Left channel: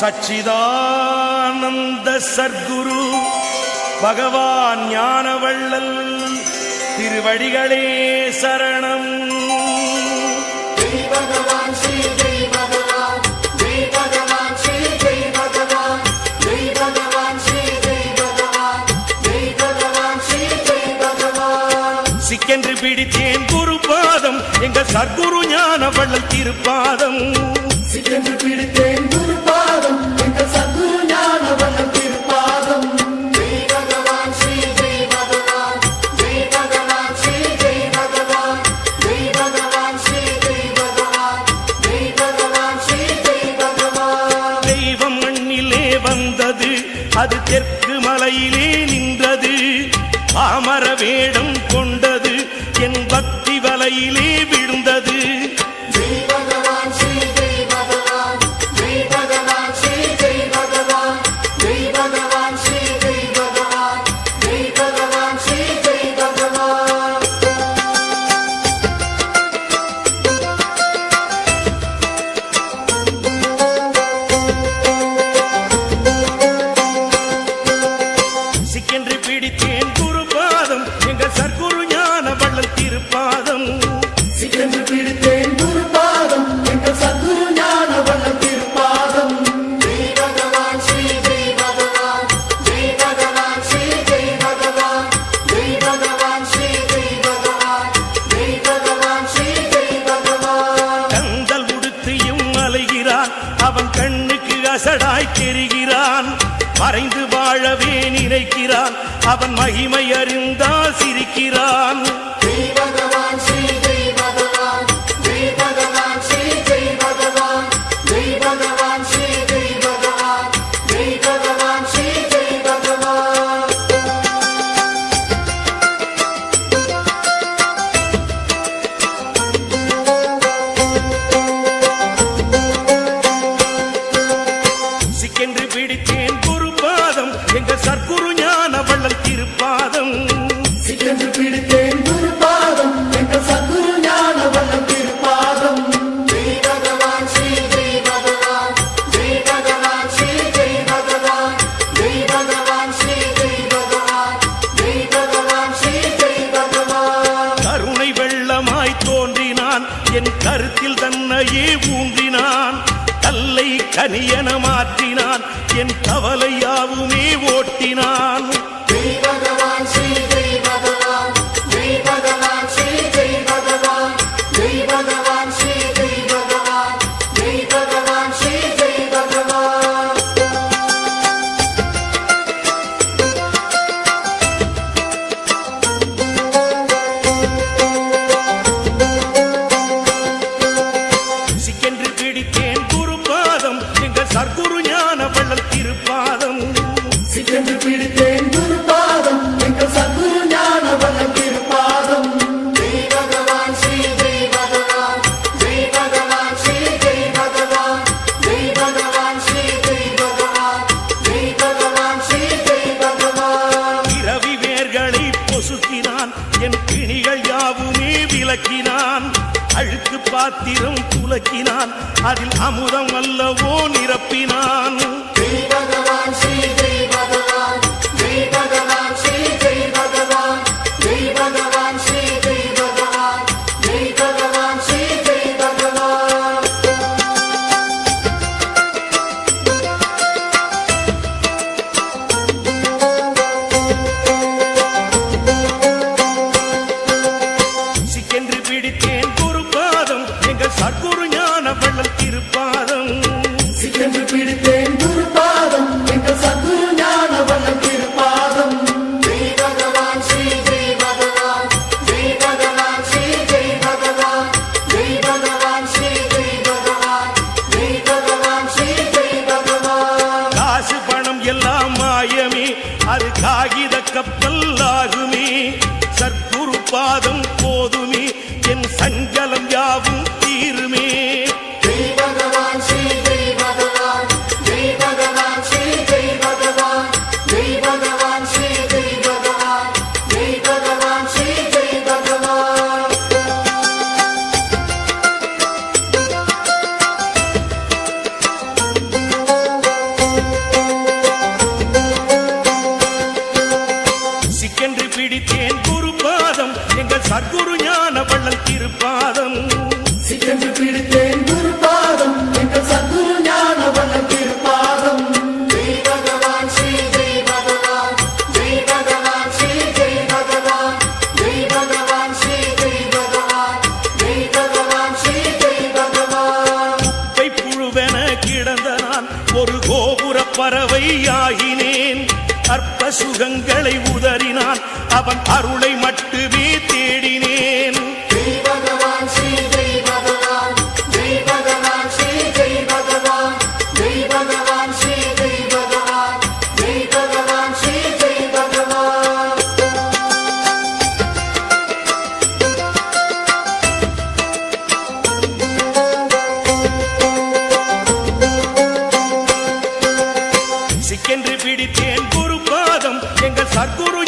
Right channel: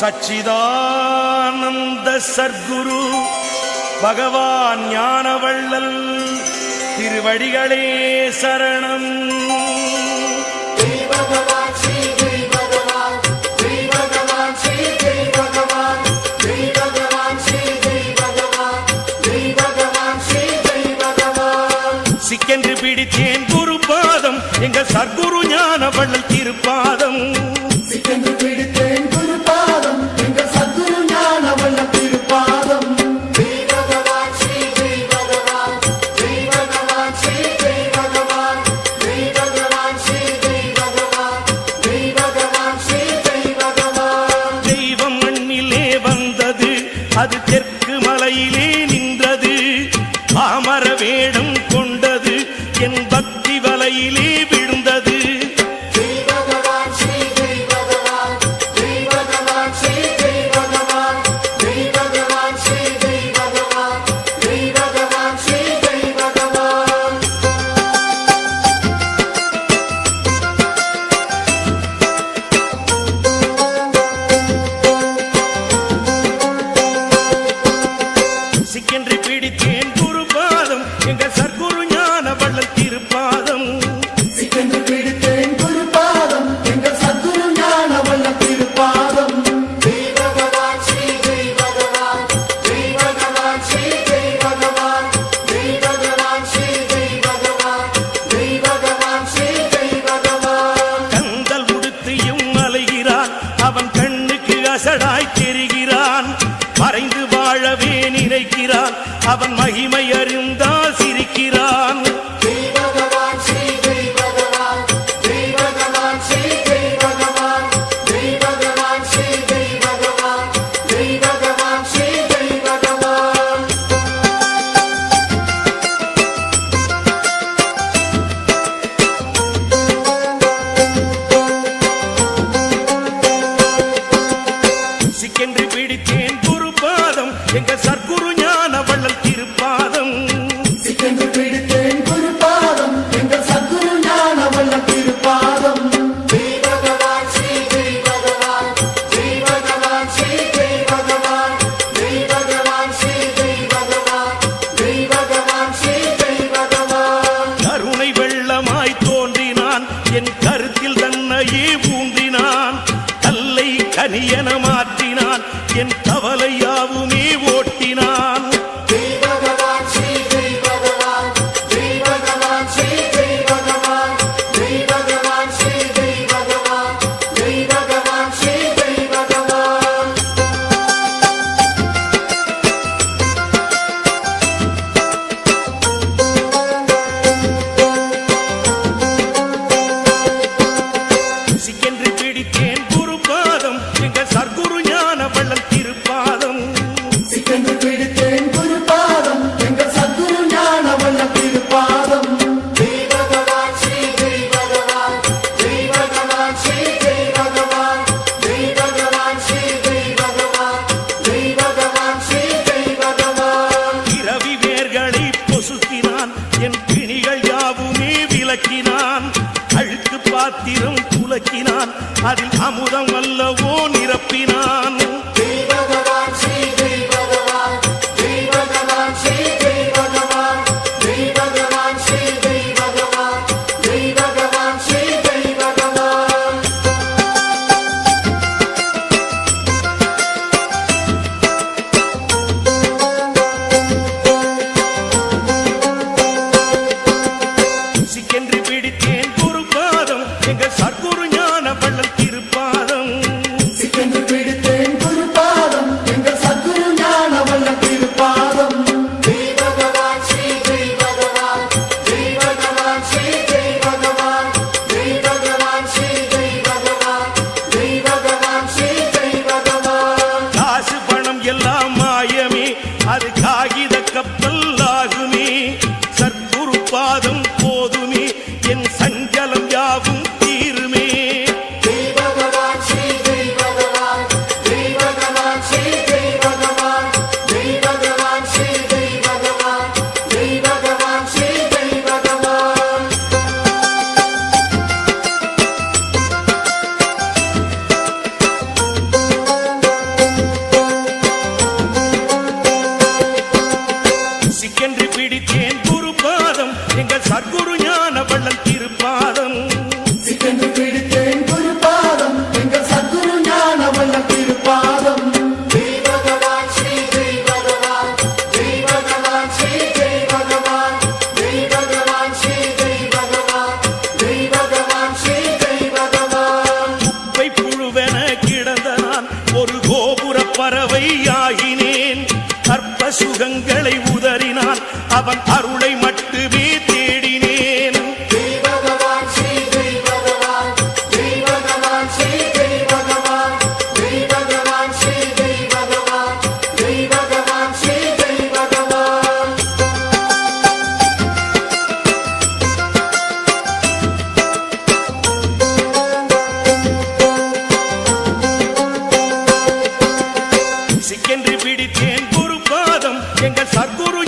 சச்சிதானந்த சர்க்குரு பகவான் ஞானவள்ளல் திருவடிகளே சரணம். சிக்கென்று பிடித்தேன் குரு பாதம் எங்க சர்க்குரு ஞானவள்ளல் திருப்பாதம். சிக்கென்று பிடித்தேன் குரு பாதம் எங்க சர்க்குரு ஞானவள்ளல் திருப்பாதம். ஜெய் பகவான் ஸ்ரீ ஜெய் பகவான், ஜெய் பகவான் ஸ்ரீ ஜெய் பகவான், ஜெய் பகவான் ஸ்ரீ ஜெய் பகவான், ஜெய் பகவான் ஸ்ரீ ஜெய் பகவான். தெய்வம் மண்ணிலே வந்தது, அது தெற்கு மலையிலே நின்றது. பாமர வேடம் கொண்டது, என் பக்தி வலையிலே விழுந்தது. ஜெய் பகவான் ஸ்ரீ ஜெய் பகவான், ஜெய் பகவான் ஸ்ரீ ஜெய் பகவான், ஜெய் பகவான் ஸ்ரீ ஜெய் பகவான், ஜெய் பகவான் ஸ்ரீ ஜெய் பகவான். சிக்கென்று பிடித்தேன் குரு பாதம் எங்க சர்க்குரு ஞானவள்ளல் திருப்பாதம். சிக்கென்று பிடித்தேன் குரு பாதம் எங்க சர்க்குரு ஞானவள்ளல் திருப்பாதம். ஜெய் பகவான் ஸ்ரீ ஜெய் பகவான், ஜெய் பகவான் ஸ்ரீ ஜெய் பகவான், ஜெய் பகவான் ஸ்ரீ ஜெய் பகவான், ஜெய் பகவான் ஸ்ரீ ஜெய் பகவான். கந்தல் உடுத்தியும் அலைகிறான், அவன் கண்ணுக்கு அசடாய் தெரிகிறான். மறைந்து வாழவே நினைக்கிறான், அவன் மகிமை அறிந்தால் சிரிக்கிறான். ஜெய் பகவான் ஸ்ரீ ஜெய் பகவான், ஜெய் பகவான் ஸ்ரீ ஜெய் பகவான், ஜெய் பகவான் ஸ்ரீ ஜெய் பகவான், ஜெய் பகவான் ஸ்ரீ ஜெய் பகவான். சிக்கென்று பிடித்தேன் குரு பாதம் எங்க சர்க்குரு ஞானவள்ளல் திருப்பாதம். சிக்கென்று பிடித்தேன் குரு பாதம் எங்க சர்க்குரு ஞானவள்ளல் திருப்பாதம். ஜெய் பகவான் ஸ்ரீ ஜெய் பகவான், ஜெய் பகவான் ஸ்ரீ ஜெய் பகவான், ஜெய் பகவான் ஸ்ரீ ஜெய் பகவான், ஜெய் பகவான் ஸ்ரீ ஜெய் பகவான். கருணை வெள்ளமாய் தோன்றினான், என் கருத்தில் தன்னையே ஊன்றினான். கல்லை கனியன மாற்றினான், என் கவலையாவுமே ஓட்டினான். ஜெய் பகவான் ஸ்ரீ ஜெய் பகவான், ஜெய் பகவான் ஸ்ரீ ஜெய் பகவான், ஜெய் பகவான் ஸ்ரீ ஜெய் பகவான், ஜெய் பகவான் ஸ்ரீ ஜெய் பகவான். சிக்கென்று பிடித்தேன் குரு பாதம் எங்க சர்க்குரு ஞானவள்ளல் திருப்பாதம். சிக்கென்று பிடித்தேன் குரு பாதம் எங்க சர்க்குரு ஞானவள்ளல் திருப்பாதம். ஜெய் பகவான் ஸ்ரீ ஜெய் பகவான், ஜெய் பகவான் ஸ்ரீ ஜெய் பகவான், ஜெய் பகவான் ஸ்ரீ ஜெய் பகவான், ஜெய் பகவான் ஸ்ரீ ஜெய் பகவான். இரவி வேர்களை பொசுக்கினான், என் பிணிகள் யாவுமே விலக்கினான். அழுக்கு பாத்திரம் துலக்கினான், அதில் அமுதம் அல்லவோ நிரப்பினான். ஜெய் பகவான் ஸ்ரீ ஜெய் பகவான், ஜெய் பகவான் ஸ்ரீ ஜெய் பகவான், ஜெய் பகவான் ஸ்ரீ ஜெய் பகவான், ஜெய் பகவான் ஸ்ரீ ஜெய் பகவான். சிக்கென்று பிடித்தேன் குரு பாதம் எங்க சர்க்குரு ஞானவள்ளல் திருப்பாதம். சிக்கென்று பிடித்தேன் குரு பாதம் எங்க சர்க்குரு ஞானவள்ளல் திருப்பாதம். ஜெய் பகவான் ஸ்ரீ ஜெய் பகவான், ஜெய் பகவான் ஸ்ரீ ஜெய் பகவான், ஜெய் பகவான் ஸ்ரீ ஜெய் பகவான், ஜெய் பகவான் ஸ்ரீ ஜெய் பகவான். காசு பணம் எல்லாம் மாயமே, அது காகித கப்பல் ஆகுமே. சர்க்குரு பாதம் போதுமே, என் சஞ்சலம் யாவும் தீருமே. ஜெய் பகவான் ஸ்ரீ ஜெய் பகவான், ஜெய் பகவான் ஸ்ரீ ஜெய் பகவான், ஜெய் பகவான் ஸ்ரீ ஜெய் பகவான், ஜெய் பகவான் ஸ்ரீ ஜெய் பகவான். எங்கள் சர்க்குரு ஞான வள்ளல் திருப்பாதம் சிக்கென்று பிடித்தேன் குருபாதம் எங்கள் சத்குரு ஞான வள்ளல் திருப்பாதம் ஜெய் பகவான் ஸ்ரீ ஜெய் பகவான் ஜெய் பகவான் ஸ்ரீ ஜெய் பகவான் ஜெய் பகவான் ஸ்ரீ ஜெய் பகவான் ஜெய் பகவான் ஸ்ரீ ஜெய் பகவான் குப்பை புழுவென கிடந்த நான் ஒரு கோபுர பறவை ஆகினேன் அற்ப சுகங்களை உதறினான் அவன் அருளை மட்டுமே தேடினேன் ஜெய் பகவான் ஸ்ரீ ஜெய் பகவான் ஜெய் பகவான் ஸ்ரீ ஜெய் பகவான் ஜெய் பகவான் ஸ்ரீ ஜெய் பகவான் ஜெய் பகவான் ஸ்ரீ ஜெய் பகவான் சிக்கென்று பிடித்தேன் குருபாதம் எங்கள் சர்க்குரு